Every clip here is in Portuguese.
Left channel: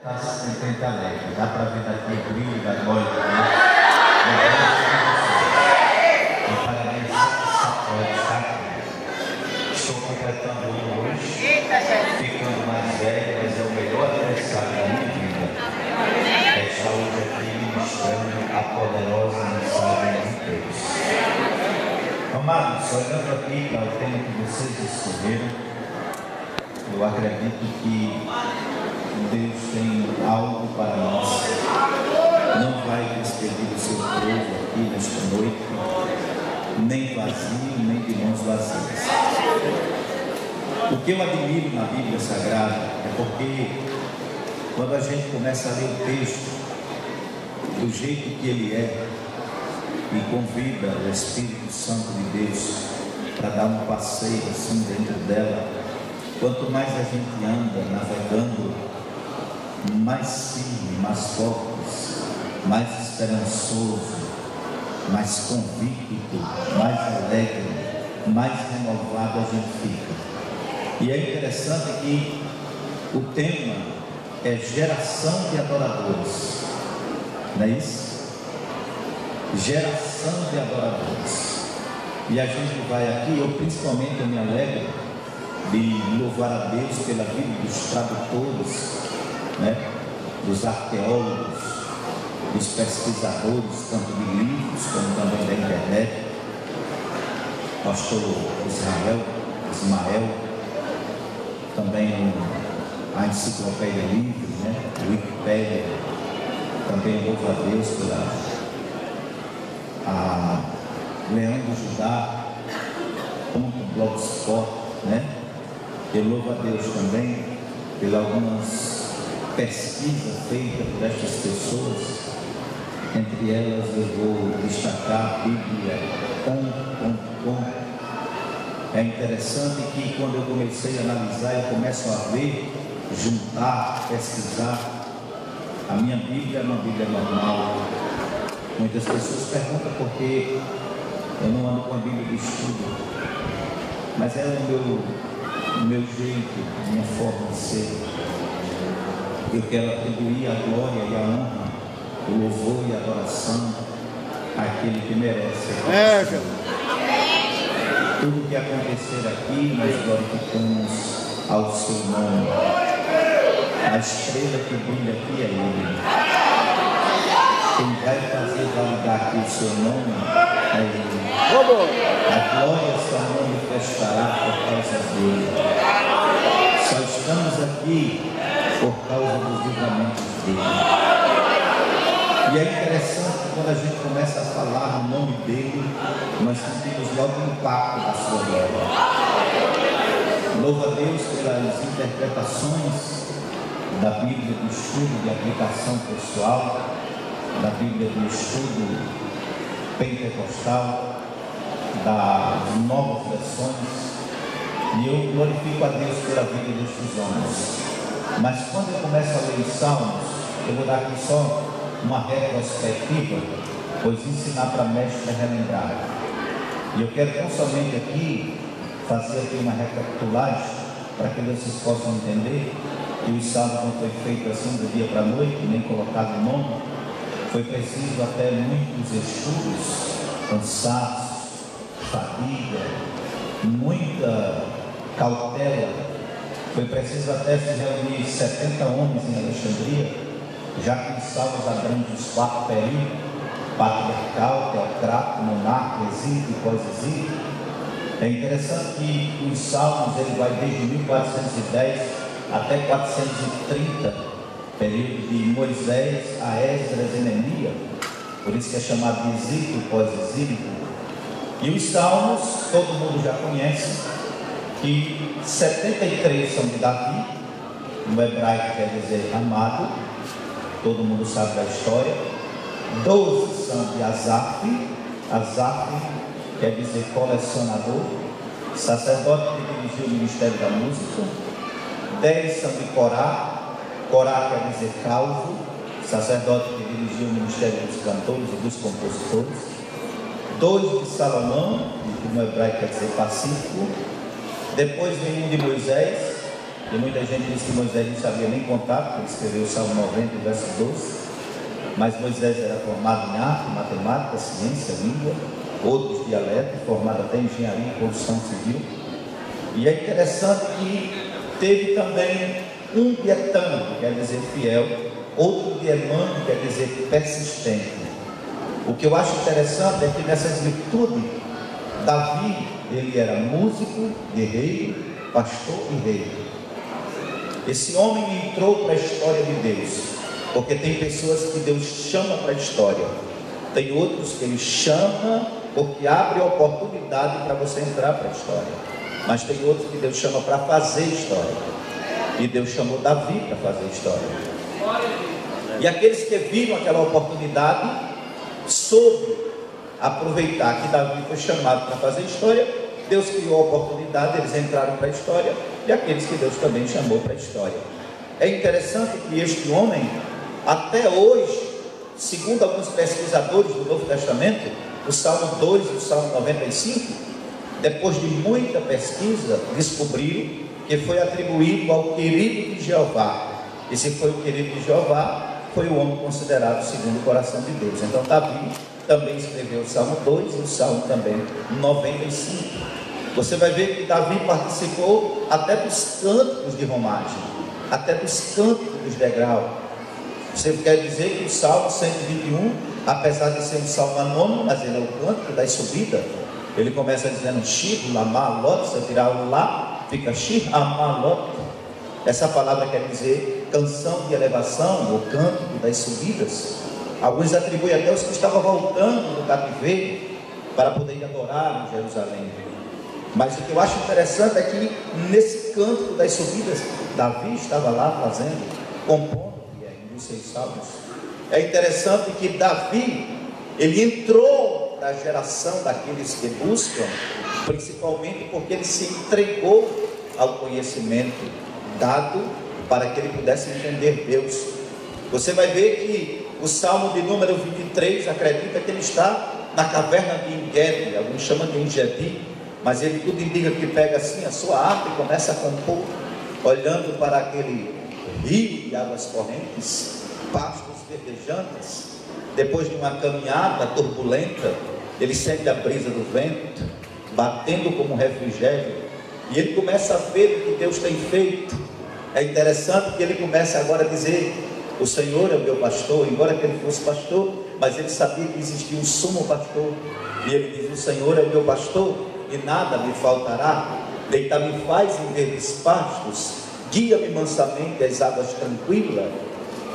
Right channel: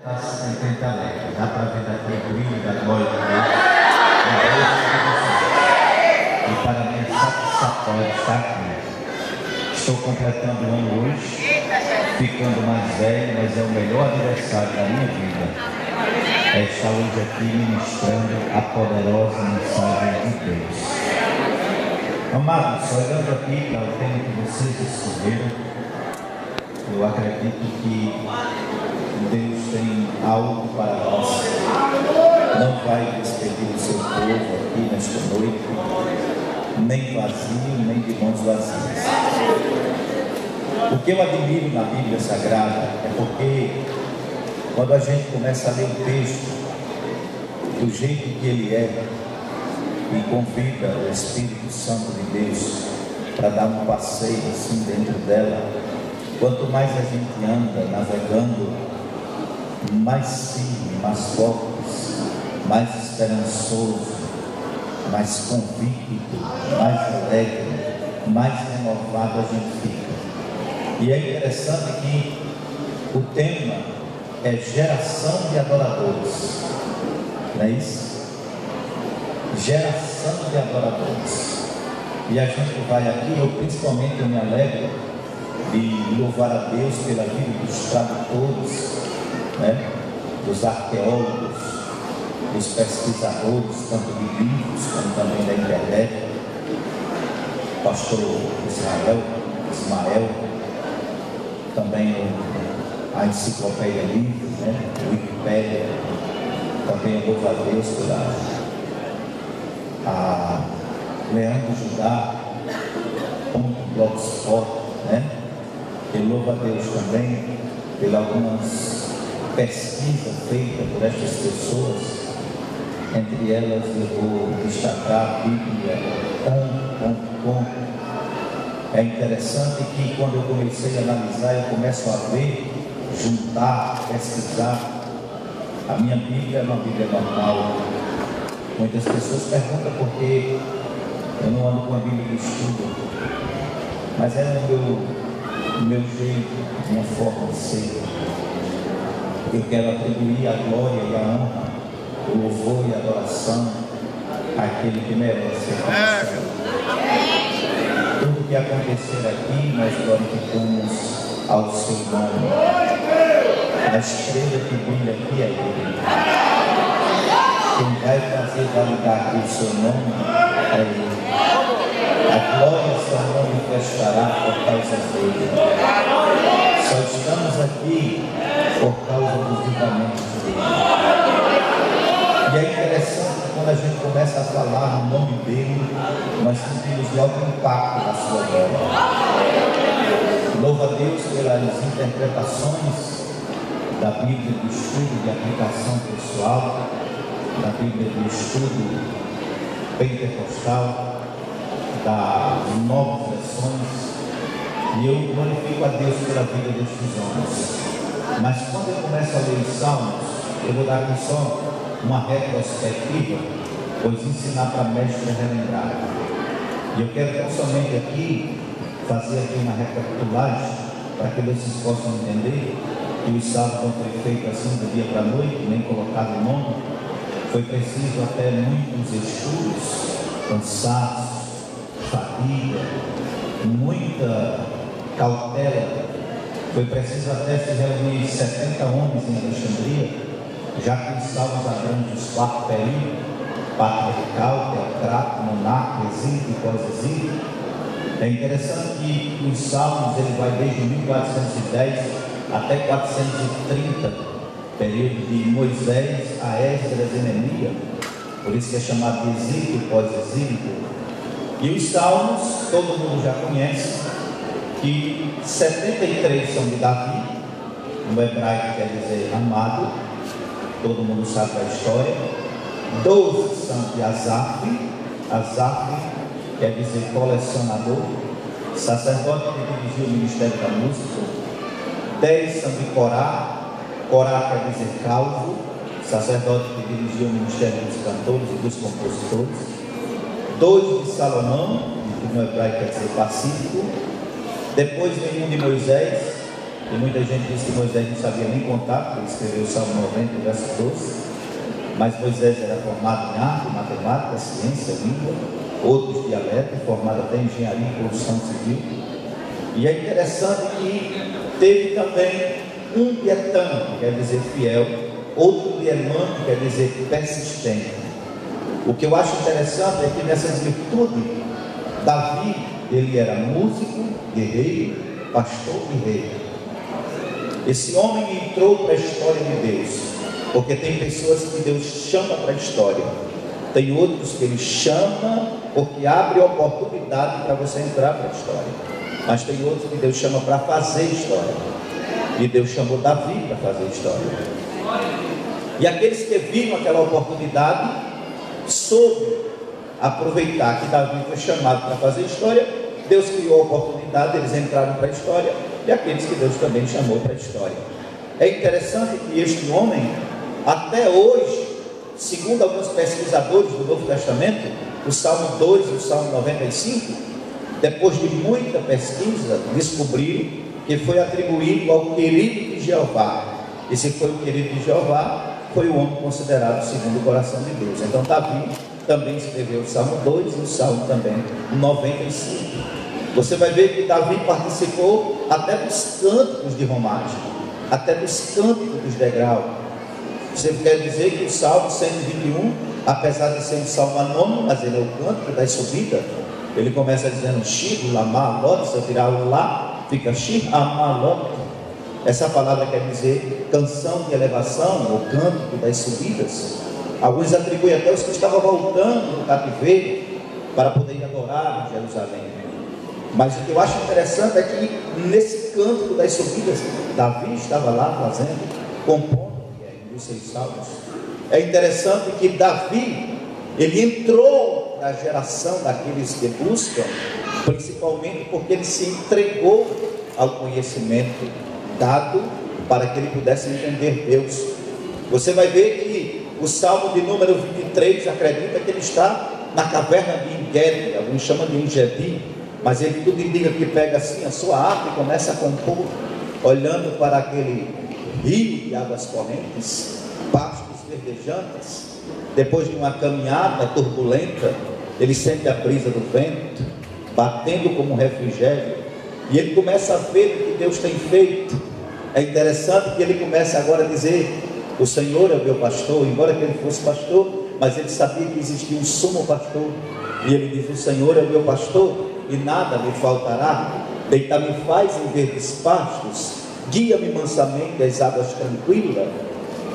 Está 50 metros, dá para ver daqui o brilho da glória de Deus. E parabéns, saco. Estou completando um ano hoje, ficando mais velho, mas é o melhor aniversário da minha vida. É estar hoje aqui ministrando a poderosa mensagem de Deus. Amados, olhando aqui para o tema que vocês escolheram, eu acredito que Deus tem algo para nós. Não vai despedir o seu povo aqui nesta noite, nem vazio, nem de mãos vazias. O que eu admiro na Bíblia Sagrada é porque quando a gente começa a ler o texto do jeito que ele é e convida o Espírito Santo de Deus para dar um passeio assim dentro dela, quanto mais a gente anda navegando, mais firme, mais forte, mais esperançoso, mais convicto, mais alegre, mais renovado a gente fica. E é interessante que o tema é geração de adoradores, não é isso? Geração de adoradores. E a gente vai aqui, eu principalmente me alegro de louvar a Deus pela vida dos tradutores, né? Dos arqueólogos, dos pesquisadores, tanto de livros como também da internet, pastor Ismael, também a enciclopédia livros, né? O Wikipédia, também eu louvo a Deus pela Leandro Judá, Blogspot, né? Eu louvo a Deus também pelas algumas pesquisas feitas por estas pessoas. Entre elas eu vou destacar a Bíblia.com. É interessante que quando eu comecei a analisar, eu começo a ver, juntar, pesquisar. A minha Bíblia é uma Bíblia normal. Muitas pessoas perguntam por que eu não ando com a Bíblia de estudo, mas é o meu jeito, a minha forma de ser. Eu quero atribuir a glória e a honra, o louvor e a adoração àquele que merece. Tudo que acontecer aqui, nós glorificamos ao seu nome. A estrela que brilha aqui é Ele. Quem vai fazer validar aqui o seu nome é Ele. A glória só manifestará por causa dele. Só estamos aqui por causa dos livramentos dele. E é interessante que quando a gente começa a falar no nome dele, nós sentimos logo o impacto da sua glória. Louvo a Deus pelas interpretações da Bíblia do estudo de aplicação pessoal, da Bíblia do estudo pentecostal, das novas versões, e eu glorifico a Deus pela vida destes homens. Mas quando eu começo a ler os Salmos, eu vou dar aqui só uma retrospectiva, pois ensinar para mestre é relembrar. E eu quero não somente aqui fazer aqui uma recapitulagem, para que vocês possam entender que o Salmo não foi feito assim do dia para a noite, nem colocado o nome. Foi preciso até muitos estudos, cansaço, fadiga, muita cautela. Foi preciso até se reunir 70 homens em Alexandria, já que os salmos abrangem os 4 períodos: patriarcal, teocrato, monarca, exílio e pós-exílio. É interessante que os salmos ele vai desde 1410 até 430, período de Moisés a Esdras e Neemias, por isso que é chamado de exílio e pós-exílio. E os salmos, todo mundo já conhece, que 73 são de Davi, no hebraico quer dizer amado, todo mundo sabe da história. 12 são de Asaf quer dizer colecionador, sacerdote que dirigiu o ministério da música. 10 são de Corá quer dizer calvo, sacerdote que dirigiu o ministério dos cantores e dos compositores. 2 de Salomão, que no hebraico quer dizer pacífico. Depois vem um de Moisés, E muita gente diz que Moisés não sabia nem contar, porque ele escreveu o Salmo 90, verso 12. Mas Moisés era formado em arte, matemática, ciência, língua, outros dialetos, formado até em engenharia e construção civil. E é interessante que teve também um dietano, que quer dizer fiel, outro diamante, que quer dizer persistente. O que eu acho interessante é que nessas virtudes, Davi, ele era músico, guerreiro, pastor e rei. Esse homem entrou para a história de Deus, porque tem pessoas que Deus chama para a história, tem outros que Ele chama porque abre oportunidade para você entrar para a história, mas tem outros que Deus chama para fazer história, e Deus chamou Davi para fazer história. E aqueles que viram aquela oportunidade soube aproveitar que Davi foi chamado para fazer história. Deus criou a oportunidade, eles entraram para a história, e aqueles que Deus também chamou para a história. É interessante que este homem, até hoje, segundo alguns pesquisadores do Novo Testamento, o Salmo 2 e o Salmo 95, depois de muita pesquisa, descobriram que foi atribuído ao querido de Jeová. E se foi o querido de Jeová, foi o homem considerado segundo o coração de Deus. Então Davi também escreveu o Salmo 2 e o Salmo também 95. Você vai ver que Davi participou até dos cânticos de romagem, até dos cânticos dos degraus. Você quer dizer que o Salmo 121, apesar de ser um salmo anônimo, mas ele é o cântico da subida. Ele começa dizendo Shir, Lamá, Lot, você tirar o Lá, fica Shir, Amá, Lot. Essa palavra quer dizer canção de elevação, ou cântico das subidas. Alguns atribuem até os que estavam voltando do cativeiro para poder adorar em Jerusalém. Mas o que eu acho interessante é que nesse cântico das subidas, Davi estava lá fazendo, compondo os seus salmos. É interessante que Davi, ele entrou para a geração daqueles que buscam, principalmente porque ele se entregou ao conhecimento dado para que ele pudesse entender Deus. Você vai ver que o Salmo de número 23 acredita que ele está na caverna de Engedi, alguns chamam de Engedi, mas ele tudo indica que pega assim a sua harpa e começa a compor, olhando para aquele rio de águas correntes, pastos verdejantes. Depois de uma caminhada turbulenta, ele sente a brisa do vento batendo como um refrigério, e ele começa a ver o que Deus tem feito. É interessante que ele começa agora a dizer: o Senhor é o meu pastor. Embora que ele fosse pastor, mas ele sabia que existia um sumo pastor, e ele diz: o Senhor é o meu pastor e nada me faltará. Deitar-me faz em verdes pastos, guia-me mansamente às águas tranquilas.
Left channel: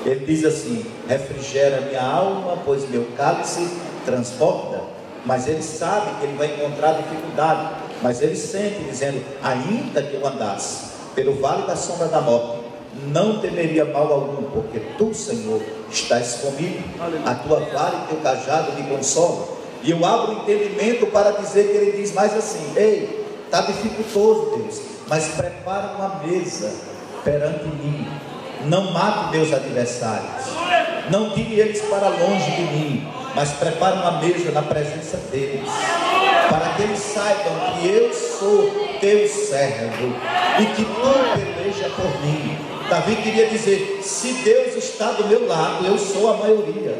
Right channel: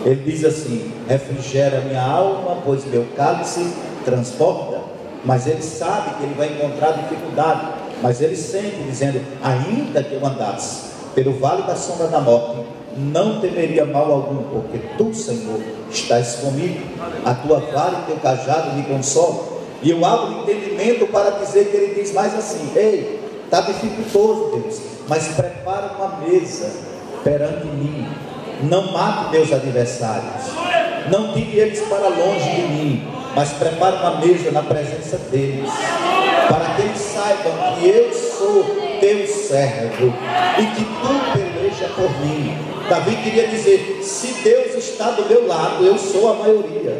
Ele diz assim: refrigera minha alma, pois meu cálice transborda. Mas ele sabe que ele vai encontrar dificuldade, mas ele sente dizendo: ainda que eu andasse pelo vale da sombra da morte, não temeria mal algum, porque tu, Senhor, estás comigo. A tua vara e teu cajado me consolam. E eu abro o entendimento para dizer que ele diz mais assim: ei, está dificultoso, Deus, mas prepara uma mesa perante mim. Não mate meus adversários, não tire eles para longe de mim, mas prepara uma mesa na presença deles, para que eles saibam que eu sou teu servo e que tu peleja por mim. Davi queria dizer: se Deus está do meu lado, eu sou a maioria.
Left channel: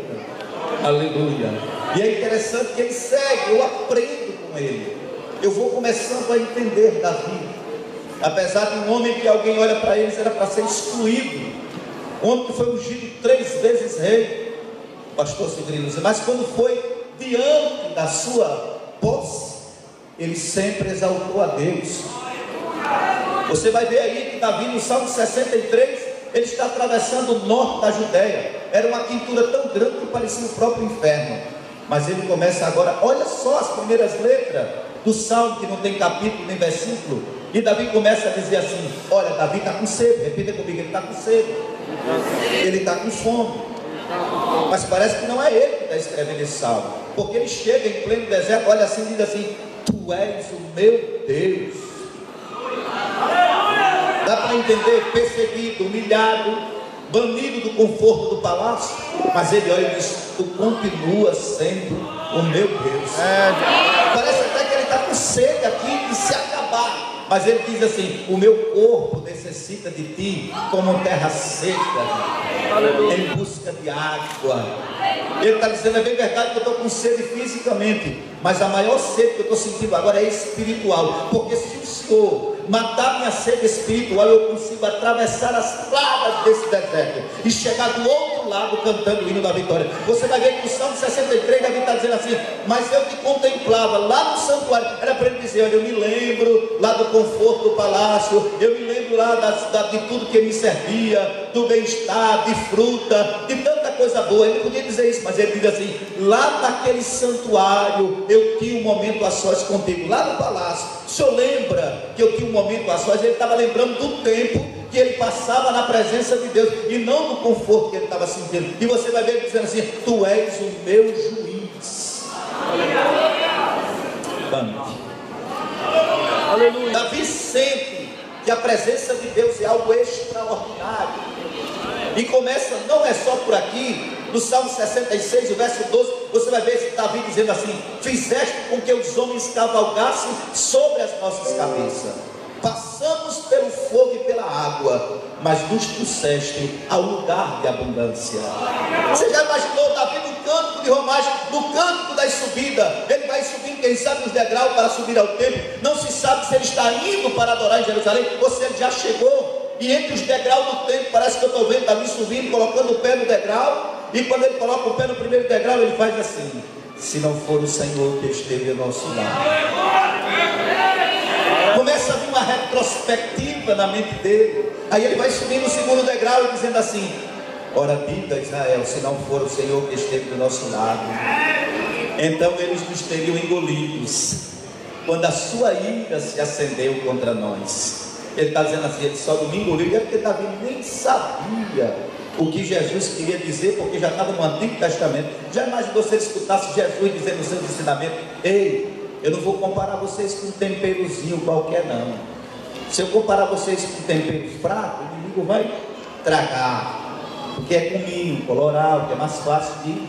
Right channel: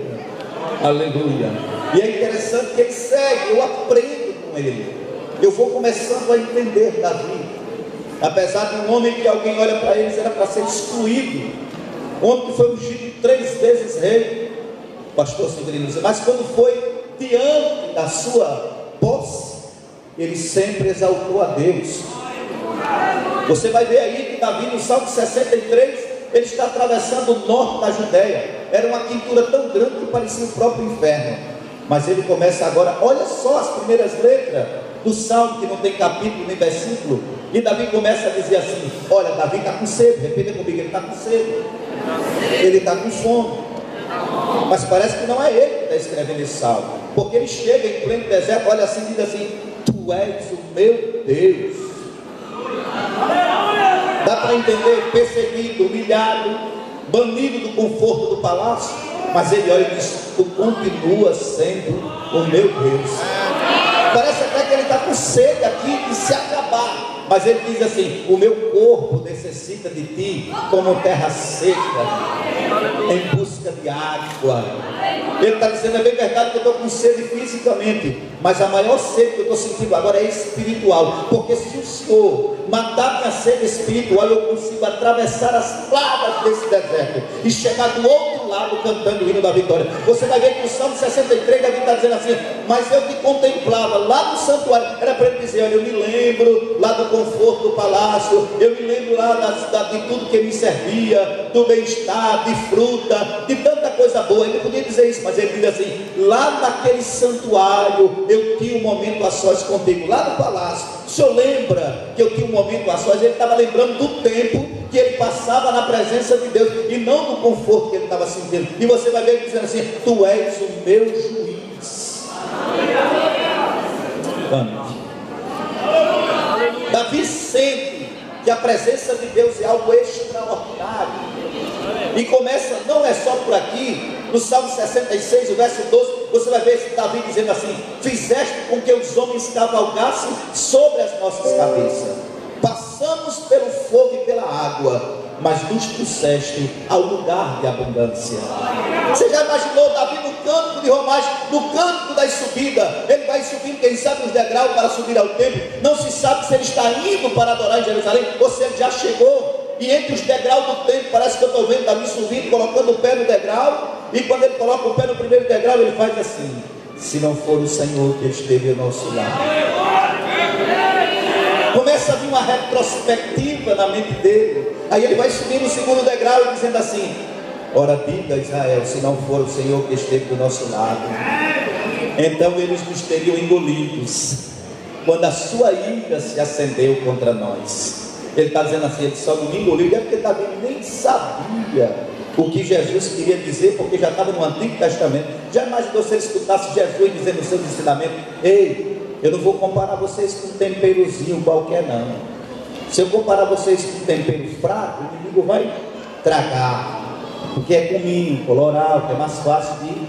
Aleluia. E é interessante que ele segue, eu aprendo com ele, eu vou começando a entender Davi. Apesar de um homem que alguém olha para ele, era para ser excluído, um homem que foi ungido 3 vezes rei, pastor Severino, mas quando foi diante da sua posse, ele sempre exaltou a Deus. Você vai ver aí que Davi, no Salmo 63, ele está atravessando o norte da Judéia. Era uma quintura tão grande que parecia o próprio inferno. Mas ele começa agora, olha só as primeiras letras do Salmo, que não tem capítulo nem versículo. E Davi começa a dizer assim: olha, Davi está com sede. Repita comigo: ele está com sede, ele está com fome. Mas parece que não é ele que está escrevendo esse salmo, porque ele chega em pleno deserto, olha assim e diz assim: tu és o meu Deus. Dá para entender, perseguido, humilhado, banido do conforto do palácio, mas ele olha e diz: tu continuas sendo o meu Deus. Parece até que ele está com sede aqui de se acabar. mas ele diz assim: o meu corpo necessita de ti como terra seca, em busca de água. Ele está dizendo: é bem verdade que eu estou com sede fisicamente, mas a maior sede que eu estou sentindo agora é espiritual, porque se o Senhor matar minha sede espiritual, eu consigo atravessar as pragas desse deserto e chegar do outro lado cantando o hino da vitória. Você vai ver que no Salmo 63 Davi está dizendo assim: mas eu te contemplava lá no santuário. Era para ele dizer: olha, eu me lembro lá do conforto do palácio, eu me lembro lá de tudo que me servia, do bem-estar, de fruta, de tanta coisa boa. Ele não podia dizer isso, mas ele diz assim: lá naquele santuário eu tinha um momento a sós contigo, lá no palácio. O senhor lembra que eu tinha um momento a sós? Ele estava lembrando do tempo que ele passava na presença de Deus, e não do conforto que ele estava sentindo. E você vai ver ele dizendo assim: tu és o meu juiz. Davi sente que a presença de Deus é algo extraordinário, e começa, não é só por aqui. No Salmo 66, verso 12, você vai ver Davi dizendo assim: fizeste com que os homens cavalgassem sobre as nossas cabeças, passamos pelo fogo e pela água, mas nos trouxeste ao lugar de abundância. Você já imaginou Davi no cântico de romagem, no cântico das subidas? Ele vai subindo, quem sabe, os degraus para subir ao templo. Não se sabe se ele está indo para adorar em Jerusalém ou se ele já chegou. E entre os degraus do templo, parece que eu estou vendo Davi subindo, colocando o pé no degrau. E quando ele coloca o pé no primeiro degrau, ele faz assim: se não for o Senhor que esteve ao nosso lado. Começa a vir uma retrospectiva na mente dele. Aí ele vai subindo o segundo degrau e dizendo assim: ora, diga Israel, se não for o Senhor que esteve do nosso lado, então eles nos teriam engolidos quando a sua ira se acendeu contra nós. Ele está dizendo assim: ele só não me engoliu, é porque Davi nem sabia o que Jesus queria dizer, porque já estava no Antigo Testamento. Já imaginou se ele escutasse Jesus dizendo nos seus ensinamentos: ei, eu não vou comparar vocês com um temperozinho qualquer não. Se eu comparar vocês com um tempero fraco, o inimigo vai tragar, porque é cominho, colorado, que é mais fácil de...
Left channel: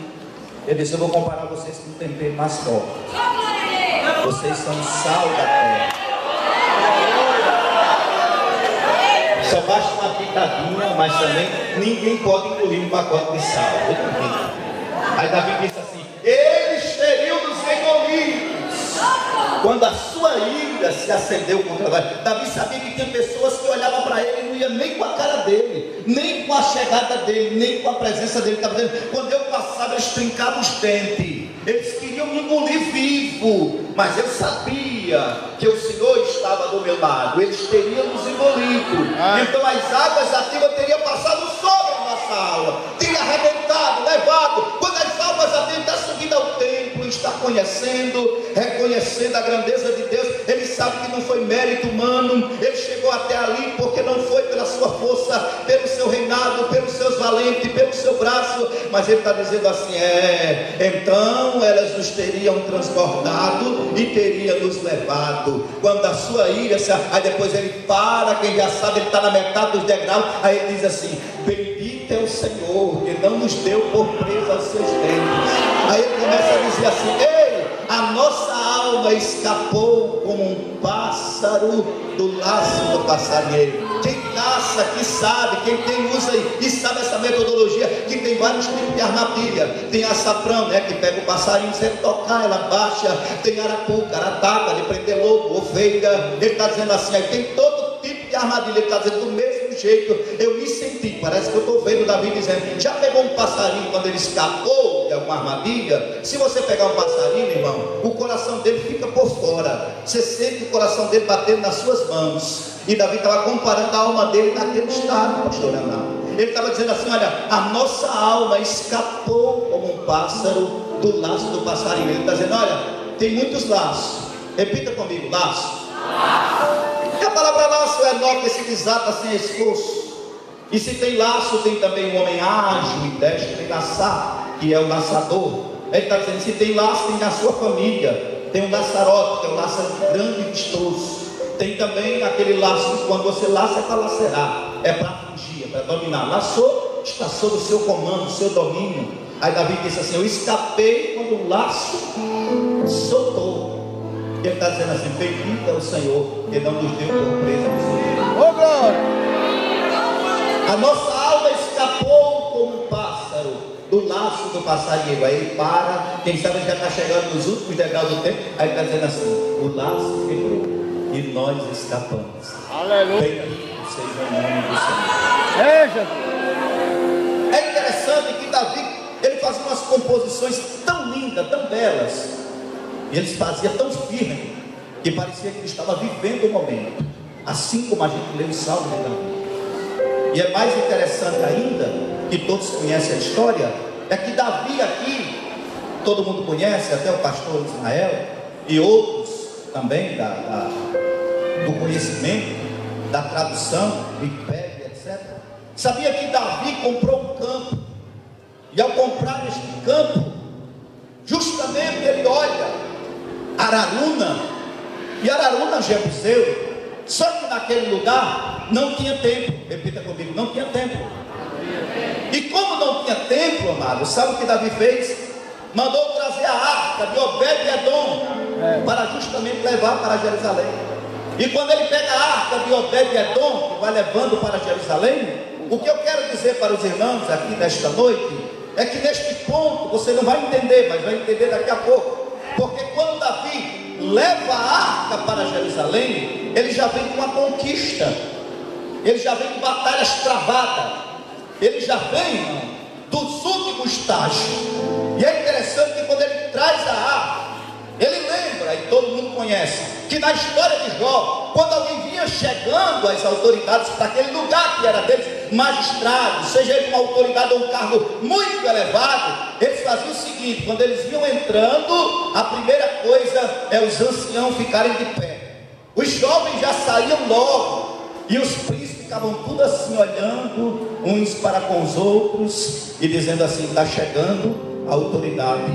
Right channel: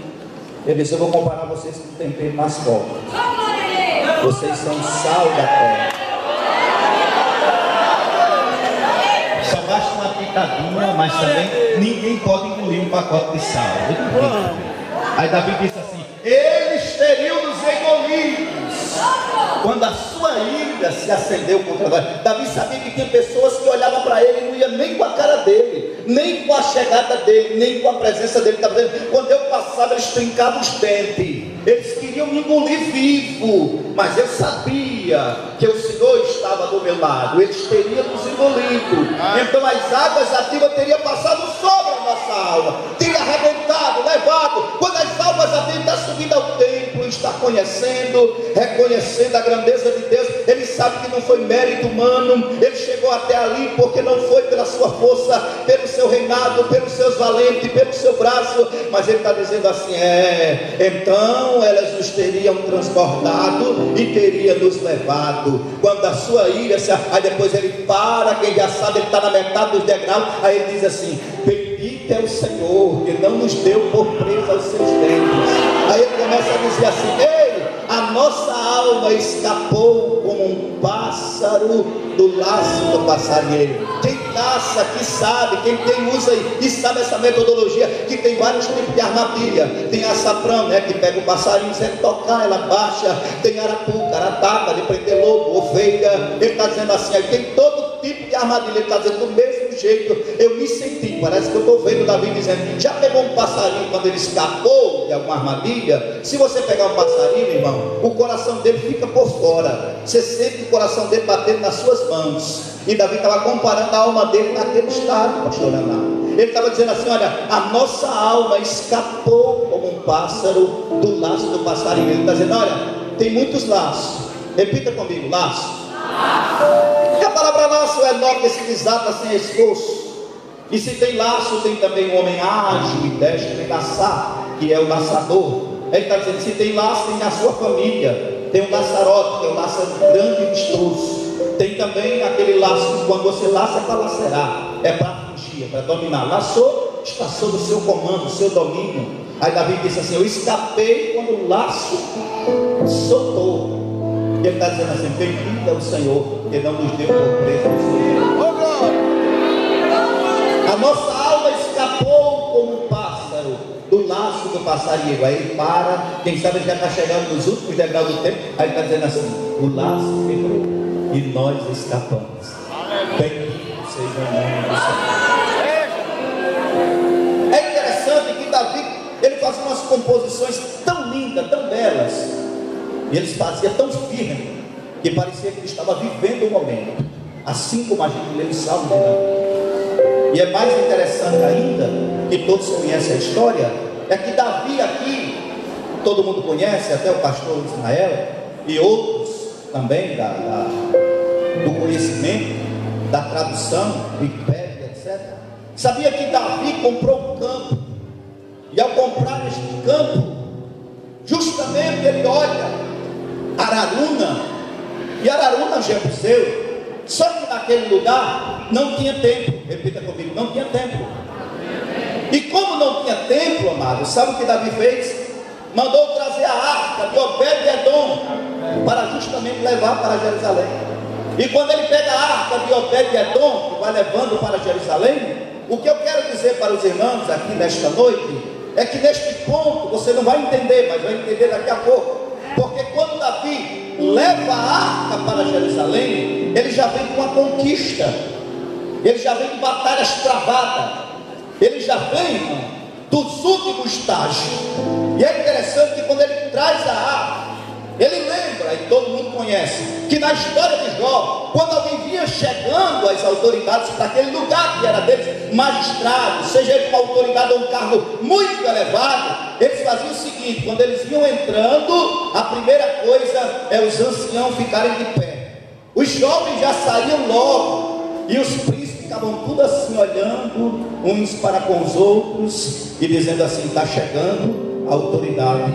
Ele disse: eu vou comparar vocês com um tempero mais forte. Vocês são sal da terra. Só basta uma pitadinha, mas também ninguém pode engolir um pacote de sal. Aí Davi disse assim: eles teriam nos engolidos quando a sua ira se acendeu contra nós. Davi sabia que tinha pessoas que olhavam para ele e não iam nem com a cara dele, nem com a chegada dele, nem com a presença dele. Quando eu passava, eles trincavam os dentes, eles queriam me engolir vivo, mas eu sabia que o Senhor estava do meu lado. Eles teriam nos engolido. Então as águas ativas teriam passado sobre a nossa alma, teria arrebentado, levado. Quando as almas ativas estão subindo ao templo, está conhecendo, reconhecendo a grandeza de Deus, ele sabe que não foi mérito humano, ele chegou até ali porque não foi pela sua força, pelo seu reinado, pelos seus valentes, pelo seu braço, mas ele está dizendo assim: então elas nos teriam transbordado e teriam nos levado. Quando a sua ira, aí depois ele para, quem já sabe, ele está na metade dos degraus, aí ele diz assim: bendito é o Senhor que não nos deu por presa aos seus dentes. Aí ele começa a dizer assim: ei, a nossa alma escapou como um pássaro do laço do passarinheiro. Quem caça, que sabe, quem usa e sabe essa metodologia, que tem vários tipos de armadilha. Tem açafrão, né, que pega o passarinho sem tocar, ela baixa. Tem arapuca, arataca, de prender lobo, ovelha. Ele está dizendo assim: aí tem todo tipo de armadilha. Ele está dizendo do mesmo jeito. Eu me senti, parece que eu estou vendo Davi dizendo: já pegou um passarinho quando ele escapou de alguma armadilha? Se você pegar um passarinho, irmão, o coração dele fica por fora. Você sente o coração dele batendo nas suas mãos. E Davi estava comparando a alma dele naquele estado, pastor Leonardo. Ele estava dizendo assim: olha, a nossa alma escapou como um pássaro do laço do passarinho. Ele está dizendo: olha, tem muitos laços. Repita comigo: laço. E a palavra laço é nó que se desata sem esforço. E se tem laço, tem também um homem ágil e destro em laçar, que é o laçador. Ele está dizendo: se tem laço, tem na sua família. Tem um laçarote, que é um laço grande e vistoso. Tem também aquele laço que quando você laça é para lacerar, é para fugir, é para dominar. Laçou, está sob o seu comando, o seu domínio. Aí Davi disse assim: eu escapei quando o laço soltou. E ele está dizendo assim: bendito é o Senhor que não nos deu por preso ao Senhor. Oh, glória! A nossa alma escapou como um pássaro do laço do passarinho. Aí ele para, quem sabe ele já está chegando nos últimos degraus do tempo. Aí ele está dizendo assim: o laço quebrou e nós escapamos. Aleluia! Bendito seja o nome do Senhor. É interessante que Davi, ele fazia umas composições tão lindas, tão belas, e ele fazia tão firme, que parecia que ele estava vivendo o momento, assim como a gente lê em Salmo de Davi. E é mais interessante ainda, que todos conhecem a história, é que Davi aqui, todo mundo conhece, até o pastor Ismael, e outros também do conhecimento, da tradução, do império, etc. Sabia que Davi comprou um campo, e ao comprar este campo, justamente ele olha Araúna, e Araúna Jebuseu, só que naquele lugar não tinha templo. Repita comigo: não tinha templo. E como não tinha templo, amado, sabe o que Davi fez? Mandou trazer a arca de Obed-Edom para justamente levar para Jerusalém. E quando ele pega a arca de Obed-Edom, que vai levando para Jerusalém, o que eu quero dizer para os irmãos aqui nesta noite é que neste ponto você não vai entender, mas vai entender daqui a pouco. Porque quando Davi leva a arca para Jerusalém, ele já vem com uma conquista, ele já vem com batalhas travadas, ele já vem, irmão, dos últimos estágios. E é interessante que quando ele traz a arca, ele lembra, e todo mundo conhece, que na história de Jó, quando alguém vinha chegando às autoridades para aquele lugar que era deles, magistrado, seja ele uma autoridade ou um cargo muito elevado, eles faziam o seguinte: quando eles iam entrando, a primeira coisa é os anciãos ficarem de pé, os jovens já saíam logo, e os príncipes ficavam tudo assim olhando uns para com os outros e dizendo assim: está chegando a autoridade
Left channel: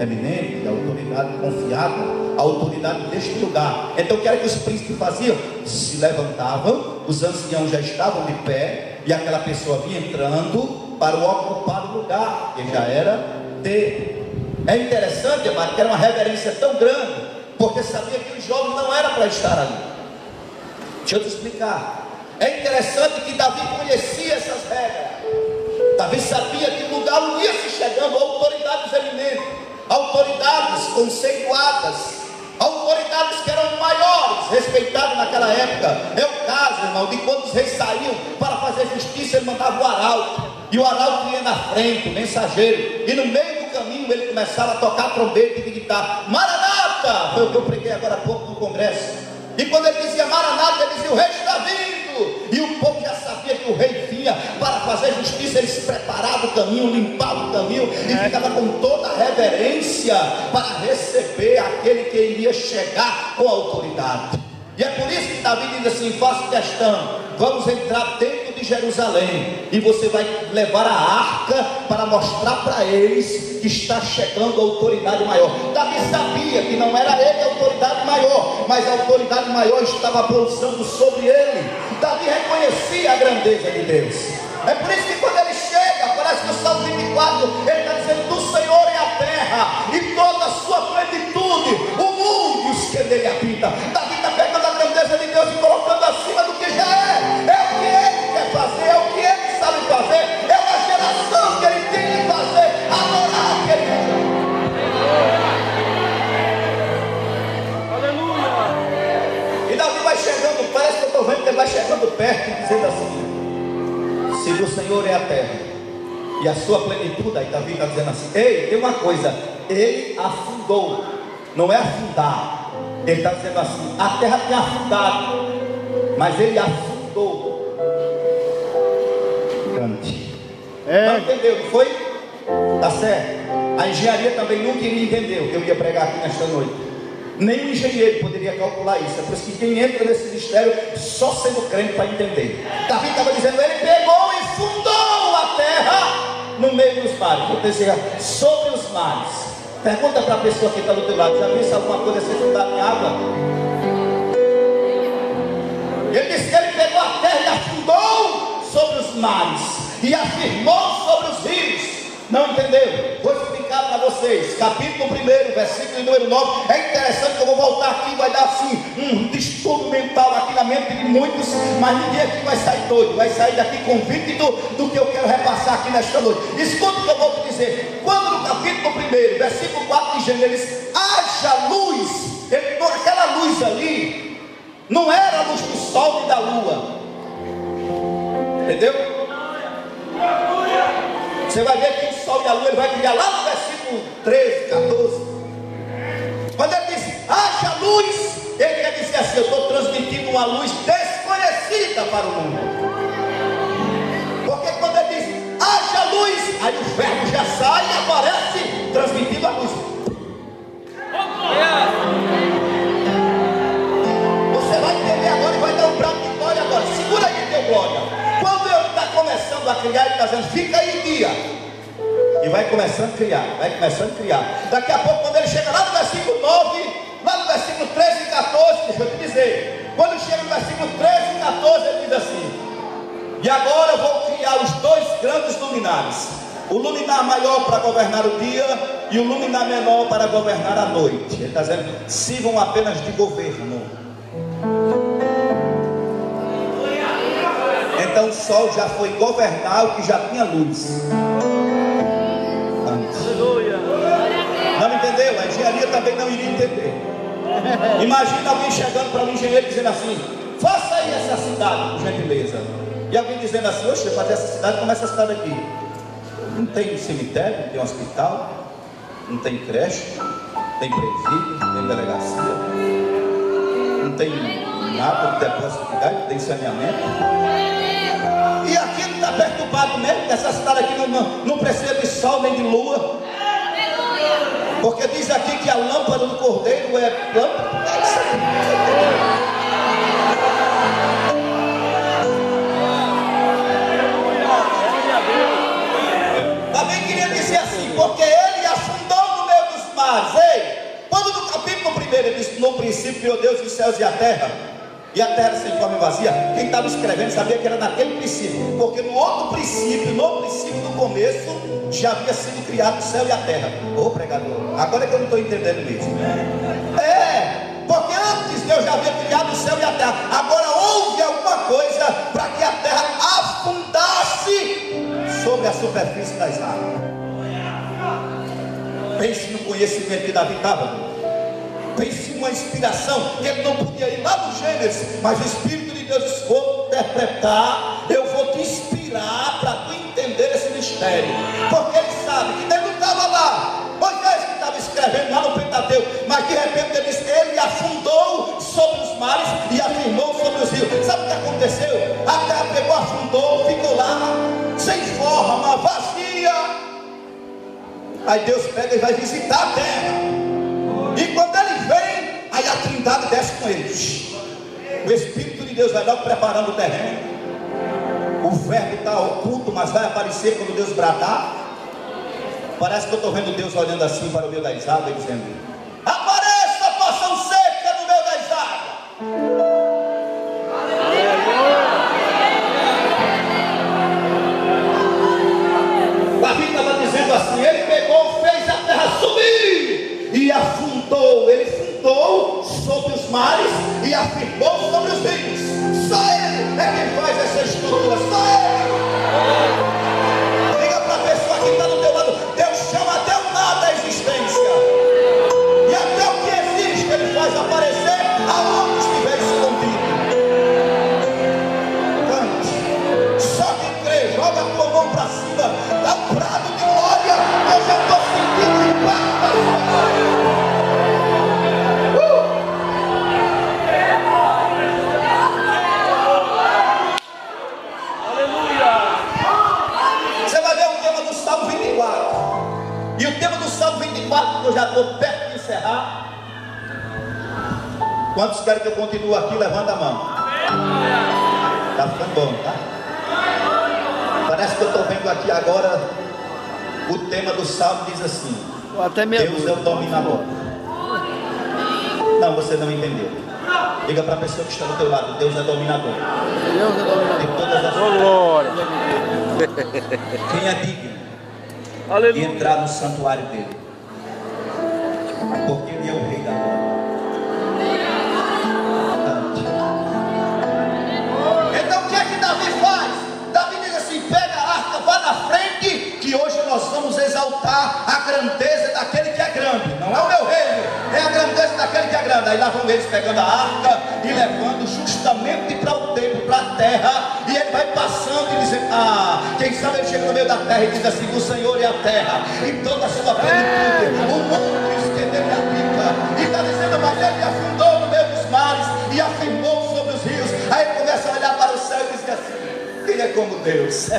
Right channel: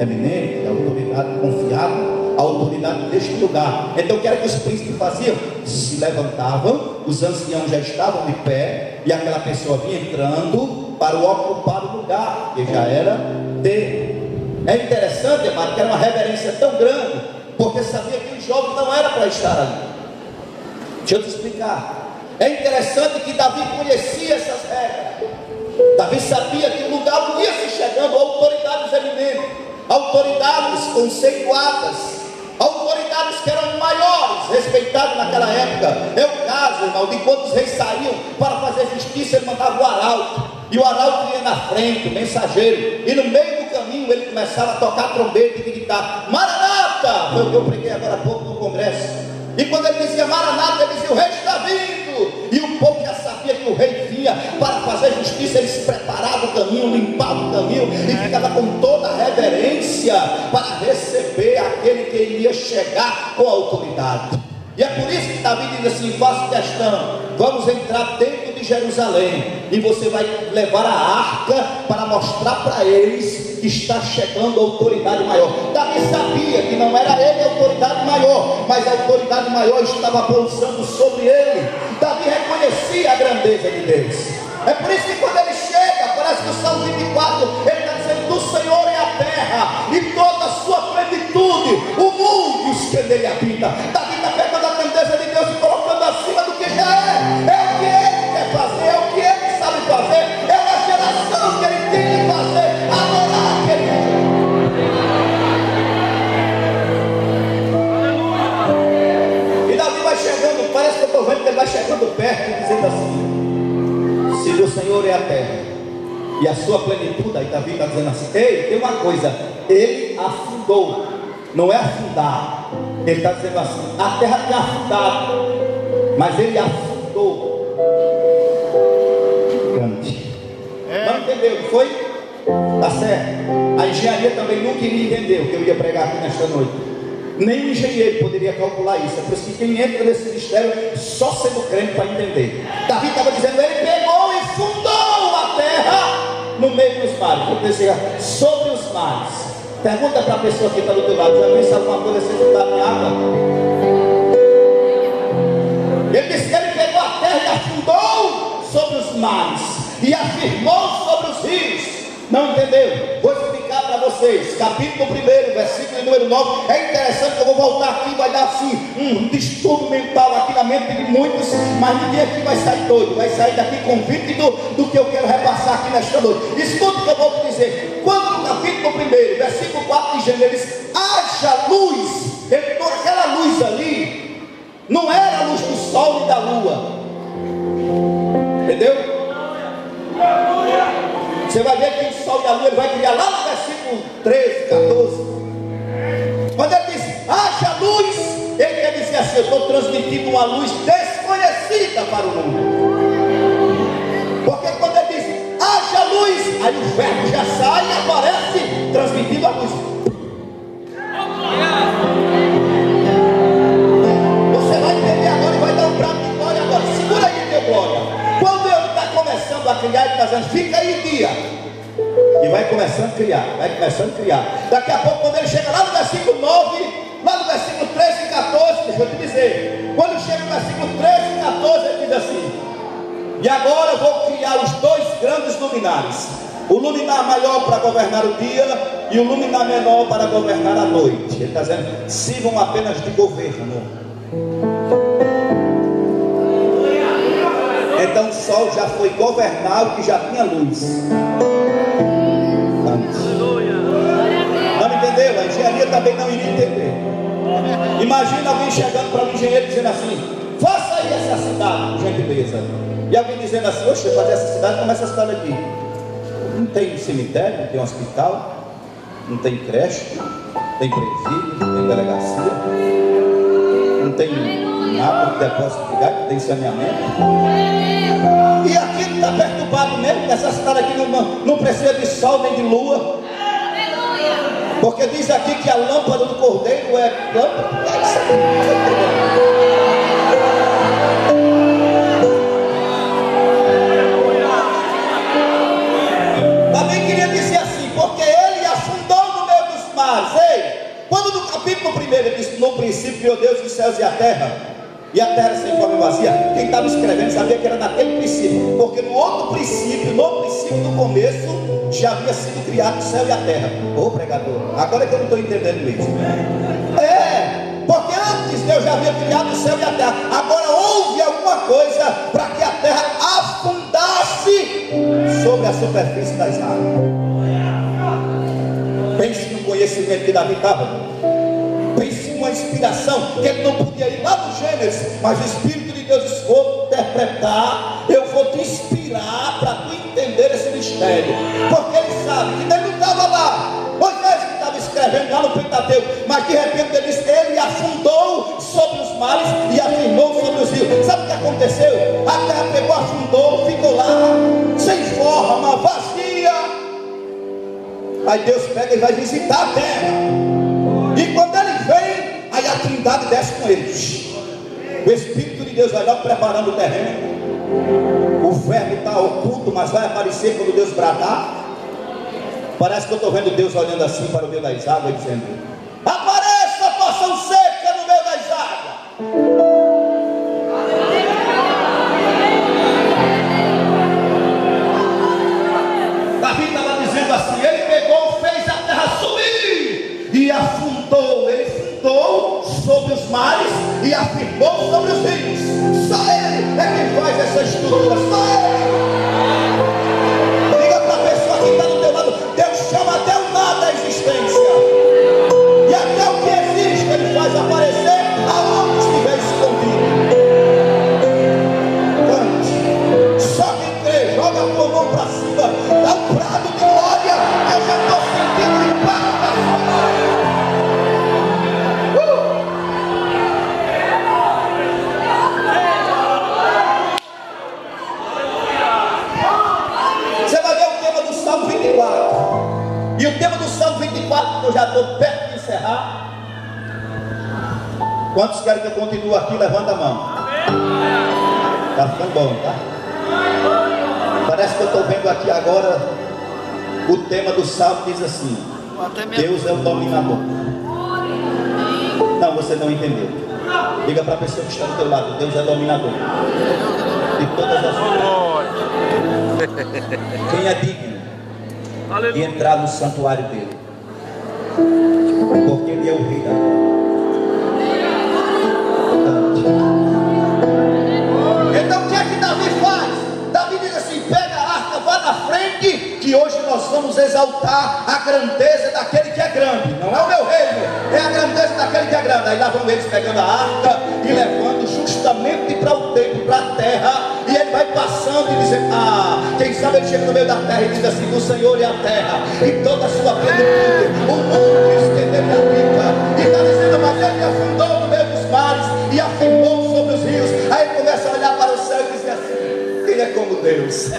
eminente, a autoridade confiável, a autoridade deste lugar. Então o que era que os príncipes faziam? Se levantavam, os anciãos já estavam de pé, e aquela pessoa vinha entrando para ocupar o lugar que já era dele. É interessante, amado, que era uma reverência tão grande, porque sabia que os jovens não era para estar ali. Deixa eu te explicar. É interessante que Davi conhecia essas regras. Davi sabia que o lugar não ia se chegando autoridades eminentes, autoridades conceituadas, autoridades que eram maiores, respeitadas naquela época. É o caso, irmão, de quando os reis saíam para fazer justiça, ele mandava o arauto, e o arauto ia na frente, o mensageiro, e no meio do caminho ele começava a tocar trombeta e gritar: Maranata! Foi o que eu preguei agora há pouco no congresso. E quando ele dizia Maranata, ele dizia: o rei está vindo. E o povo já sabia que o rei vinha para fazer justiça. Ele se preparava o caminho, limpava o caminho e ficava com toda a reverência para receber aquele que iria chegar com a autoridade. E é por isso que Davi diz assim: faço questão, vamos entrar dentro de Jerusalém, e você vai levar a arca para mostrar para eles que está chegando a autoridade maior. Davi sabia que não era ele a autoridade maior, mas a autoridade maior estava pousando sobre ele. Davi reconhecia a grandeza de Deus. É por isso que quando ele chega, parece que o Salmo 24, ele está dizendo: do Senhor é a terra e toda a sua plenitude, o mundo e os que nele habitam. Davi está pegando a grandeza de Deus e colocando acima do que já é. É o que ele quer fazer, é o que ele sabe fazer, é uma geração que ele tem que fazer, adorar aquele. E Davi vai chegando, parece que eu estou vendo que ele vai chegando perto, dizendo assim: se do Senhor é a terra e a sua plenitude, aí Davi está dizendo assim: ei, tem uma coisa, ele afundou, não é afundar. Ele está dizendo assim: a terra tinha afundado, mas ele afundou. Cante. Não entendeu? Foi? Tá certo. A engenharia também nunca iria entender o que eu ia pregar aqui nesta noite. Nem o engenheiro poderia calcular isso. É por isso que quem entra nesse ministério só sendo crente para entender. Davi estava dizendo: ele pegou e fundou a terra no meio dos mares. Vou dizer, sobre os mares. Pergunta para a pessoa que está do teu lado: já viu alguma coisa ser fundada em água? Ele disse que ele pegou a terra e afundou sobre os mares e afirmou sobre os rios. Não entendeu? Vou explicar para vocês. Capítulo 1, versículo número 9. É interessante que eu vou voltar aqui, vai dar assim um distúrbio mental aqui na mente de muitos, mas ninguém aqui vai sair doido, vai sair daqui convicto do que eu quero repassar aqui nesta noite. Escuta o que eu vou te dizer. Quando no capítulo 1, versículo 4 de Gênesis, ele diz: haja luz. Ele toca aquela luz ali, não era a luz do sol e da lua. Entendeu? Você vai ver que o sol e a lua ele vai criar lá no versículo 13, 14. Quando ele diz haja luz, ele quer dizer assim: eu estou transmitindo uma luz desconhecida para o mundo. Porque quando ele diz haja luz, aí o verbo já sai e aparece transmitindo a luz. Você vai entender agora e vai dar um prato de glória agora. Segura aí, meu glória. Quando ele está começando a criar e fazendo, fica aí guia. E vai começando a criar, vai começando a criar. Daqui a pouco, quando ele chega lá no versículo 9, lá no versículo 13 e 14, deixa eu te dizer. Quando chega no versículo 13 e 14, ele diz assim: e agora eu vou criar os dois grandes luminares. O luminar maior para governar o dia e o luminar menor para governar a noite. Ele está dizendo: sirvam apenas de governo. Então o sol já foi governar o que já tinha luz. Não entendeu? A engenharia também não iria entender. Imagina alguém chegando para um engenheiro dizendo assim: faça aí essa cidade, por gentileza. E alguém dizendo assim: oxe, fazer essa cidade, como essa cidade aqui? Não tem cemitério, não tem hospital, não tem creche, tem presídio, não tem delegacia, não tem nada, não tem posto de gás, não tem saneamento. E aqui não está perturbado mesmo, essa cidade aqui não precisa de sol nem de lua. Porque diz aqui que a lâmpada do cordeiro é lâmpada. Também queria dizer assim: porque ele afundou no meio dos mares. Ei, quando no capítulo 1 ele diz: no princípio criou Deus os céus e a terra era sem forma e vazia, quem estava escrevendo sabia que era naquele princípio, porque no outro princípio, no princípio do começo, já havia sido criado o céu e a terra. Ô pregador, agora que eu não estou entendendo mesmo. Porque antes Deus já havia criado o céu e a terra. Agora houve alguma coisa para que a terra afundasse sobre a superfície das águas. Pense no conhecimento que Davi estava. Pense numa inspiração que ele não podia ir lá no Gênesis, mas o Espírito de Deus: vou interpretar, eu vou te inspirar para tu entender esse mistério. Porque ele sabe que Deus não estava lá, Moisés que estava escrevendo lá no Pentateuco, mas de repente ele disse: ele afundou sobre os mares e afirmou sobre os rios. Sabe o que aconteceu? A terra pegou, afundou, ficou lá sem forma, vazia. Aí Deus pega e vai visitar a terra. E quando ele vem, aí a Trindade desce com eles. O Espírito de Deus vai lá preparando o terreno. O verbo está oculto, mas vai aparecer quando Deus bradar. Parece que eu estou vendo Deus olhando assim para o meio das águas, dizendo: apareça a porção seca no meio das águas. Davi estava dizendo assim: ele pegou, fez a terra subir e afundou. Ele fundou sobre os mares e afirmou sobre os rios. Só ele é quem faz essa estrutura. Só ele. Liga para a pessoa que está do teu lado: Deus chama até o nada à existência, e até o que existe ele faz aparecer aonde estiver escondido. Cante. Só quem crê, joga a tua mão para cima, dá um brado de glória. Eu já estou sentindo o impacto da sua glória. E o tema do Salmo 24, que eu já estou perto de encerrar. Quantos querem que eu continue aqui? Levanta a mão. Está ficando bom, tá? Parece que eu estou vendo aqui agora. O tema do Salmo diz assim: Deus é o dominador. Não, você não entendeu. Diga para a pessoa que está do teu lado: Deus é dominador de todas as coisas. Quem é digno de entrar no santuário dele? porque Ele é o Rei da glória. Então o que é que Davi faz? Davi diz assim: pega a arca, vá na frente, que hoje nós vamos exaltar a grandeza daquele que é grande. Não é o meu reino, é a grandeza daquele que é grande. Aí lá vão eles pegando a arca e levando justamente para o templo, para a terra. E ele vai passando e dizendo: quem sabe ele chega no meio da terra e diz assim: o Senhor é a terra e toda a sua plenitude, o mundo estendeu na pica. E está dizendo: mas ele afundou no meio dos mares e afirmou sobre os rios. Aí ele começa a olhar para o céu e dizer assim: quem é como Deus?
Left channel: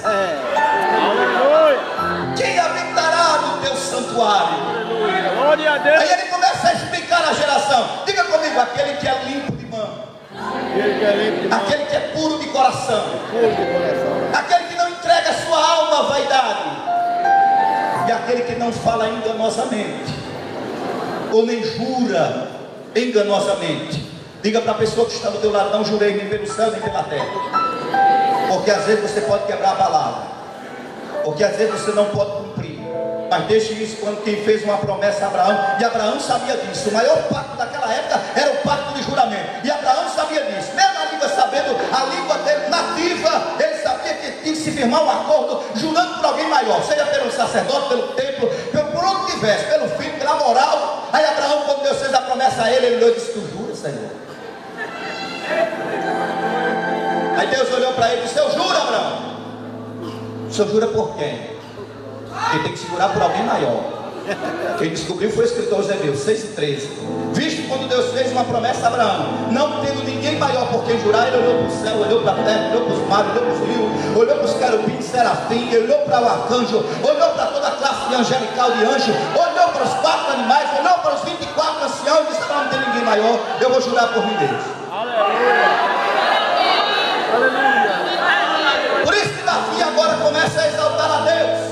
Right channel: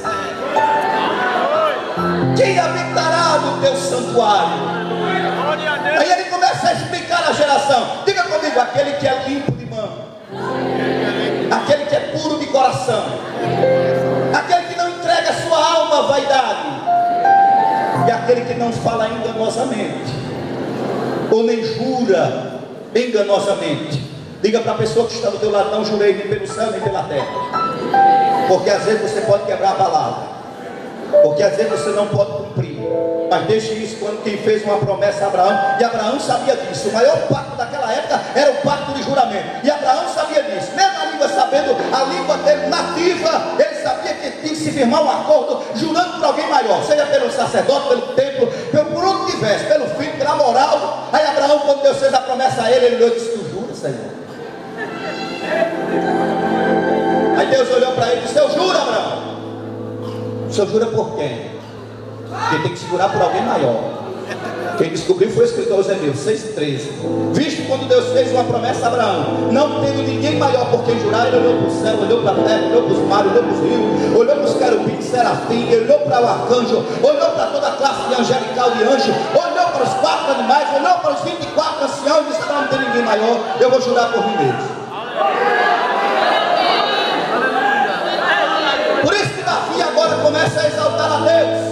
Quem habitará no teu santuário? Aí ele começa a explicar a geração. Diga comigo: aquele que é limpo de mão, aquele que é puro de coração, aquele que não entrega sua alma à vaidade, e aquele que não fala enganosamente, ou nem jura enganosamente. Diga para a pessoa que está do teu lado: não jurei nem pelo céu nem pela terra. Porque às vezes você pode quebrar a palavra, porque às vezes você não pode cumprir. Mas deixe isso quando quem fez uma promessa a Abraão, e Abraão sabia disso. O maior pacto daquela época era o pacto de juramento, e Abraão sabia disso. Mesmo a língua sabendo, a língua dele nativa, ele sabia que tinha que se firmar um acordo jurando por alguém maior, seja pelo sacerdote, pelo templo, por onde tivesse, pelo filho, pela moral. Aí Abraão, quando Deus fez a promessa a ele, ele olhou e disse: tu jura, Senhor? Aí Deus olhou para ele e disse: eu juro, Abraão. O senhor jura por quem? Quem tem que segurar por alguém maior. Quem descobriu foi o escritor Hebreus 6,13. Visto quando Deus fez uma promessa a Abraão, não tendo ninguém maior por quem jurar, ele olhou para o céu, olhou para a terra, olhou para os mares, olhou para os rios, olhou para os querubins, serafim, olhou para o arcanjo, olhou para toda a classe de angelical de anjo, olhou para os 4 animais, olhou para os 24 anciãos e disse: não tem ninguém maior, eu vou jurar por mim mesmo. Por isso que Davi agora começa a exaltar a Deus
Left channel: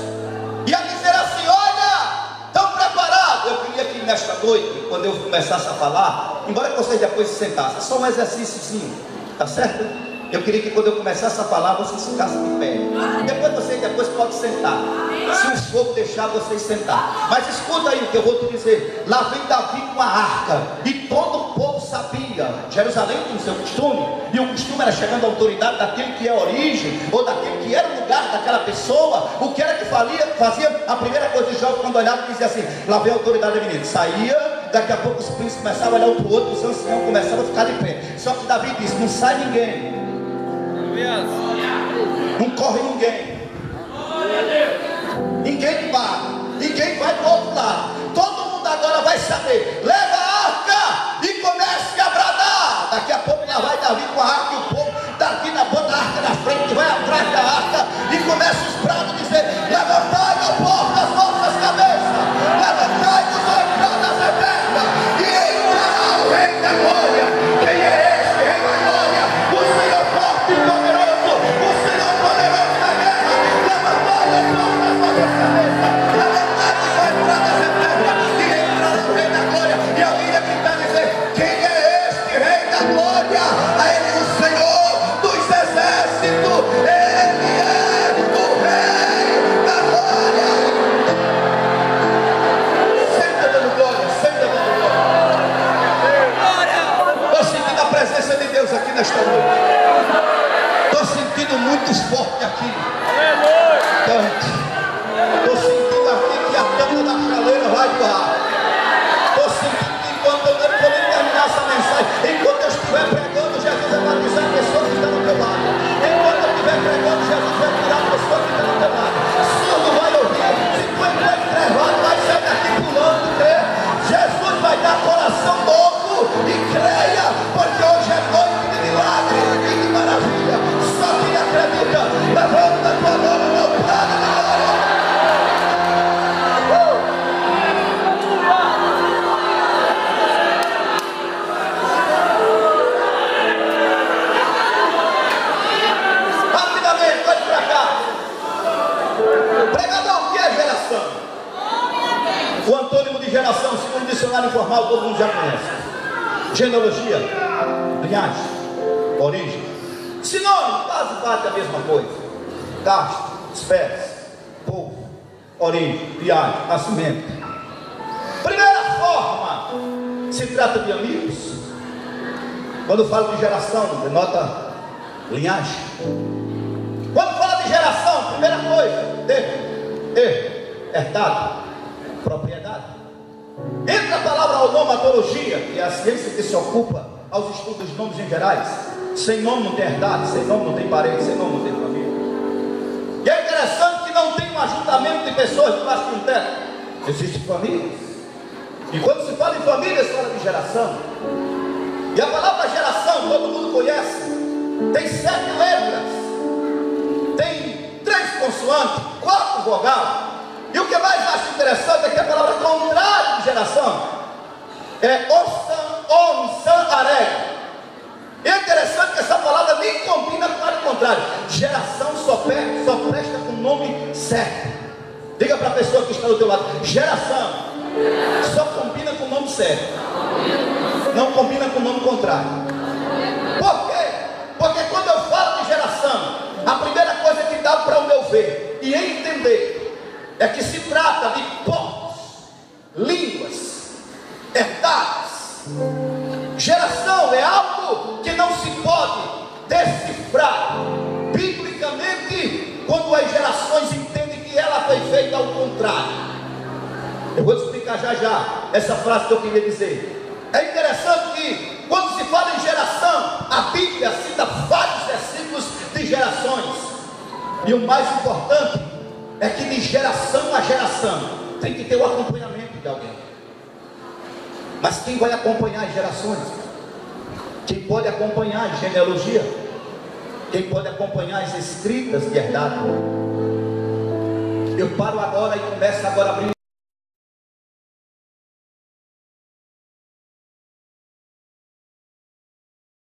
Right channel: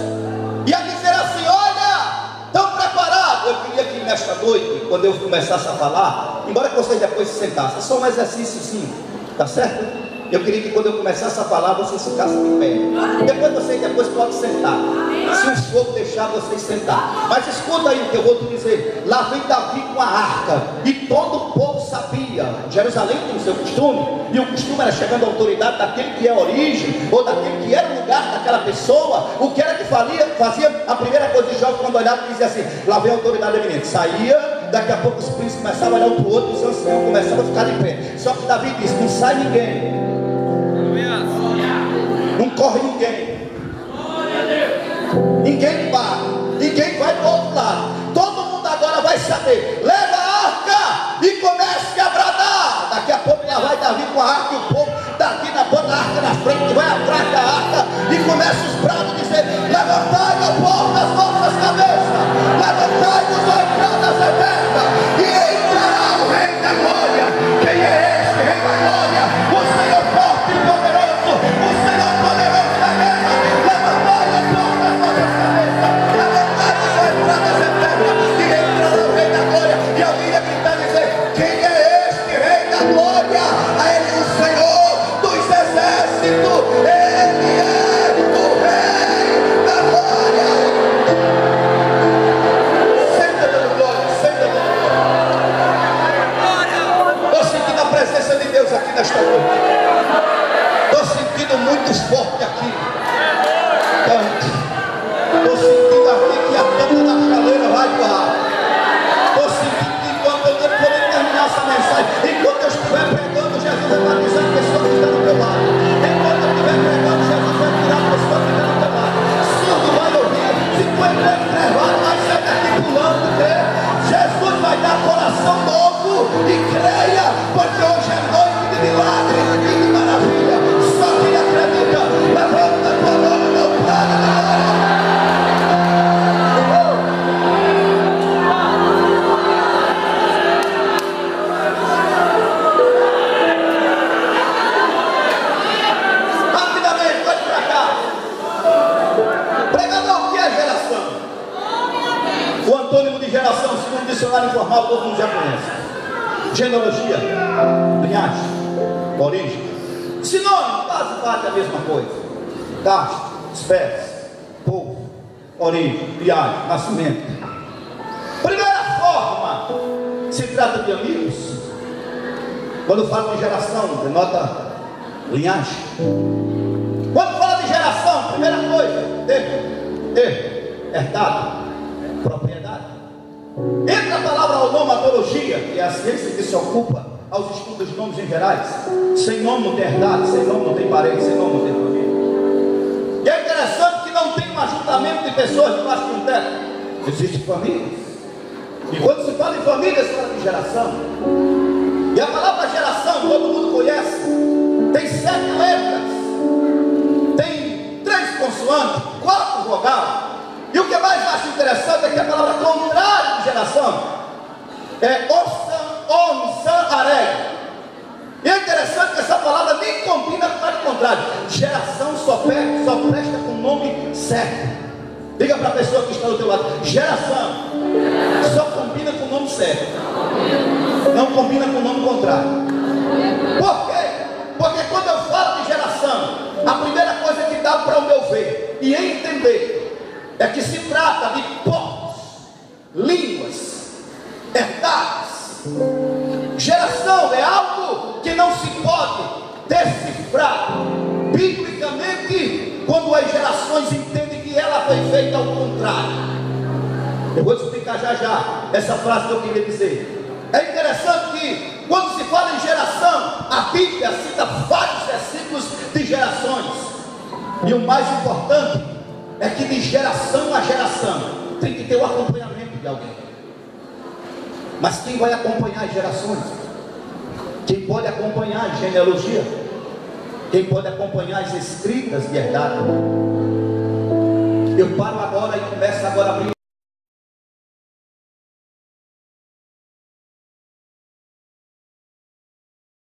e a dizer assim: olha, estão preparados. Eu queria que nesta noite, quando eu começasse a falar, embora que vocês depois se sentassem, é só um exercíciozinho, tá certo? Eu queria que quando eu começasse a falar, vocês ficassem de pé. Depois podem sentar. Se o fogo deixar vocês sentar. Mas escuta aí o que eu vou te dizer. Lá vem Davi com a arca, e todo o povo sabia. Jerusalém tem o seu costume, e o costume era chegando à autoridade daquele que é a origem, ou daquele que era o lugar daquela pessoa. O que era que fazia a primeira coisa dos jovens, quando olhava e dizia assim: lá vem a autoridade do menino. Saía. Daqui a pouco os príncipes começavam a olhar um para o outro, os anciãos começavam a ficar de pé. Só que Davi disse: não sai ninguém, não corre ninguém, ninguém vai para o outro lado. Todo mundo agora vai saber. Leva a arca e comece a bradar. Daqui a pouco já vai Davi com a arca, e o povo Davi bota a arca na frente, vai atrás da arca e começa os brados a dizer: levantai, meu povo, das vossas cabeças, levantai-vos, ó entradas eternas, e entrará o Rei da glória. Quem é esse Rei da glória? O Senhor forte e poderoso, o Senhor poderoso da guerra. Levantai, meu povo, das vossas cabeças, levantai-vos, ó entradas eternas, e entrará o Rei da glória. E alguém ia gritar e dizer: quem é este Rei da glória? A ele o Senhor dos exércitos, ele é o Rei da glória. Senta dando glória, senta dando glória. Estou sentindo a presença de Deus aqui nesta noite. Estou sentindo muito forte aqui. Estou sentindo aqui que a tampa da chaleira vai voar. Estou sentindo que enquanto eu não poder terminar essa mensagem, enquanto eu estiver pregando, Jesus vai batizar a pessoa que está do teu lado. Enquanto eu estiver pregando, Jesus vai curar a pessoa que está do teu lado. Surdo vai ouvir. Se for intervalo, vai ser daqui pulando, crê. Jesus vai dar coração novo e creia, porque hoje é noite de milagre e de maravilha. Só quem acredita, levanta a tua mão, meu prado. Rapidamente, vai para cá. Pregador, o que é geração? O antônimo de geração, segundo o dicionário informal, todo mundo já conhece. Genealogia, linhagem, origem. Sinônimo, quase bate a mesma coisa. Caste, espécie, povo, origem, linhagem, nascimento. Primeira forma trata de amigos, quando fala de geração, denota linhagem. Quando fala de geração, primeira coisa, herdado, propriedade. Entra a palavra onomatologia, que é a ciência que se ocupa aos estudos de nomes em gerais. Sem nome não tem herdade, sem nome não tem parente, sem nome não tem família. E é interessante que não tem um ajuntamento de pessoas debaixo de um teto. Existem famílias. E quando se fala em família, se fala de geração. E a palavra geração, todo mundo conhece. Tem 7 letras. Tem 3 consoantes, 4 vogais. E o que mais acho interessante é que a palavra contrária de geração é areg. E é interessante que essa palavra nem combina com o contrário. Geração só presta com o nome certo. Diga para a pessoa que está do teu lado: geração só combina com o nome certo, não combina com o nome contrário. Por quê? Porque quando eu falo de geração, a primeira coisa que dá para o meu ver e entender é que se trata de povos, línguas, herdadas. Geração é algo que não se pode decifrar biblicamente quando as gerações entendem que ela foi feita ao contrário. Eu vou te explicar já essa frase que eu queria dizer. É interessante que quando se fala em geração, a Bíblia cita vários versículos de gerações. E o mais importante é que de geração a geração tem que ter o acompanhamento de alguém. Mas quem vai acompanhar as gerações? Quem pode acompanhar a genealogia? Quem pode acompanhar as escritas de herdade? Eu paro agora e começo agora a abrir